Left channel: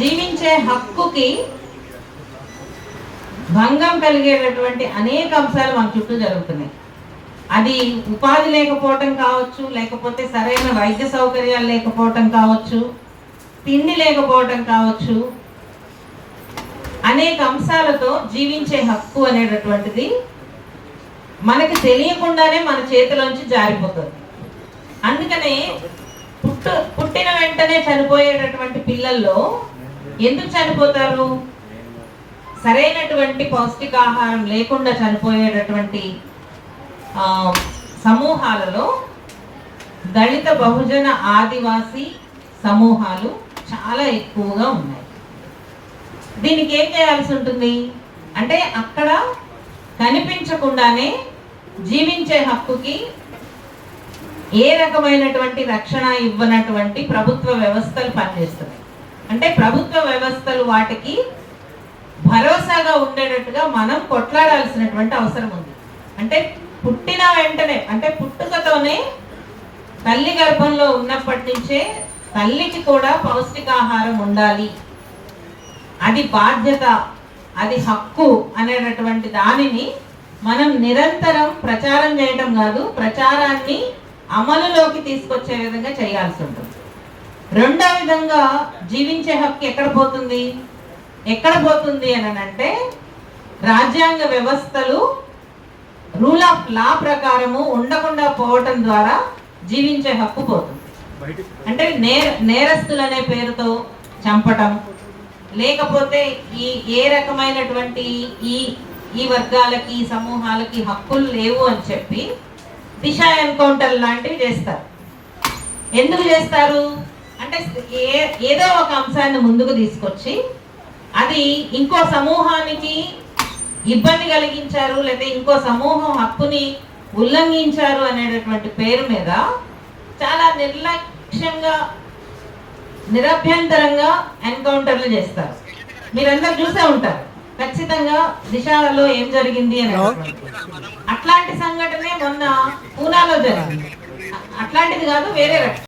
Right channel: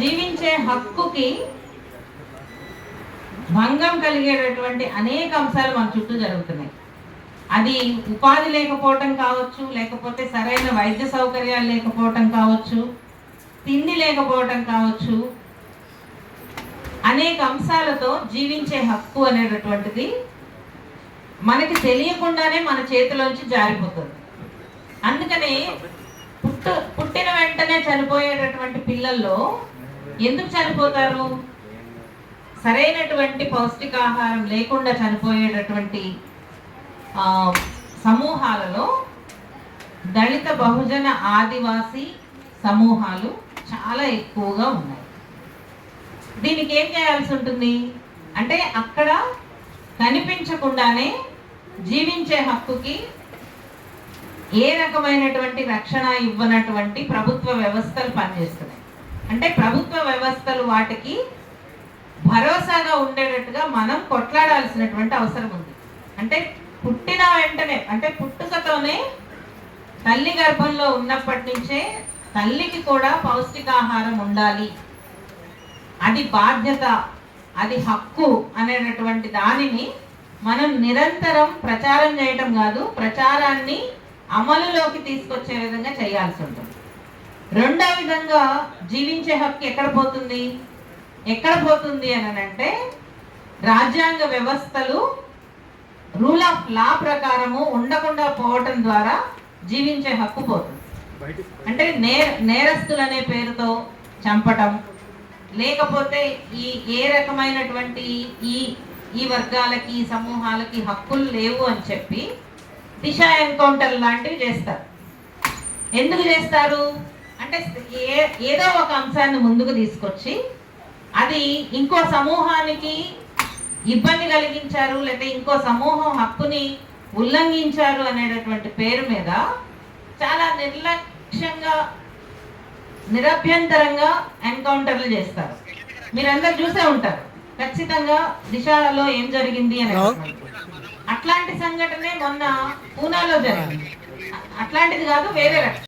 జీవించే హక్కుకి భంగం కలిగేటటువంటి అనేక అంశాలు మన చుట్టూ జరుగుతున్నాయి. అది ఉపాధి లేకపోవటం కావచ్చు, లేకపోతే సరైన వైద్య సౌకర్యాలు లేకపోవటం కావచ్చు, తిండి లేకపోవటం కావచ్చు. అనేక అంశాలతో జీవించే హక్కు అనేటటువంటిది మనకి తెలియకుండానే మన చేతిలోంచి జారిపోతుంది. అందుకనే పుట్టిన వెంటనే చనిపోయేటటువంటి పిల్లల్లో ఎందుకు చనిపోతారు? సరైనటువంటి పౌష్టికాహారం లేకుండా చనిపోయేటటువంటి సమూహాలలో దళిత, బహుజన, ఆదివాసీ సమూహాలు చాలా ఎక్కువగా ఉన్నాయి. దీనికి ఏం చేయాల్సి ఉంటుంది అంటే అక్కడ కనిపించకుండానే జీవించే హక్కుకి ఏ రకమైనటువంటి రక్షణ ఇవ్వనటువంటి ప్రభుత్వ వ్యవస్థలు పనిచేస్తున్నాయి. అంటే ప్రభుత్వ వ్యవస్థలు వాటికి భరోసాగా ఉండేటట్టుగా మనం కొట్లాడాల్సినటువంటి అవసరం ఉంది. అంటే పుట్టిన వెంటనే, అంటే పుట్టుకతోనే తల్లి గర్భంలో ఉన్నప్పటి నుంచే తల్లికి కూడా పౌష్టికాహారం ఉండాలి, అది బాధ్యత, అది హక్కు అనేటటువంటి దానిని మనం నిరంతరం ప్రచారం చేయటం కాదు, ప్రచారాన్ని అమలులోకి తీసుకొచ్చే విధంగా చేయాల్సి ఉంటుంది. రెండో విధంగా జీవించే హక్కు ఎక్కడ పోతుంది అని అంటే రాజ్యాంగ వ్యవస్థలు రూల్ ఆఫ్ లా ప్రకారము ఉండకుండా పోవటం ద్వారా జీవించే హక్కు పోతుంది. అంటే నేరస్తులు అనే పేరుతో చంపటం, లేకపోతే ఏ రకమైనటువంటి ఈ వర్గాలకి, ఈ సమూహాలకి హక్కులు లేవు అని చెప్పి దిశ ఎన్కౌంటర్ లాంటివి చేస్తారు. ఎందుకు చేస్తారు అంటే ఏదో ఒక అంశాన్ని ముందుకు తీసుకొచ్చి అది ఇంకో సమూహానికి ఇబ్బంది కలిగించారు, లేదా ఇంకో సమూహం హక్కుని ఉల్లంఘించారు అనేటటువంటి పేరు మీద చాలా నిర్లక్ష్యంగా, నిరభ్యంతరంగా ఎన్కౌంటర్లు చేస్తారు. మీరందరూ చూసే ఉంటారు ఖచ్చితంగా దిశలో ఏం జరిగింది అని. అట్లాంటి సంఘటనే మొన్న పూనాలో జరిగింది. అట్లాంటిది కాదు, వేరే రకం.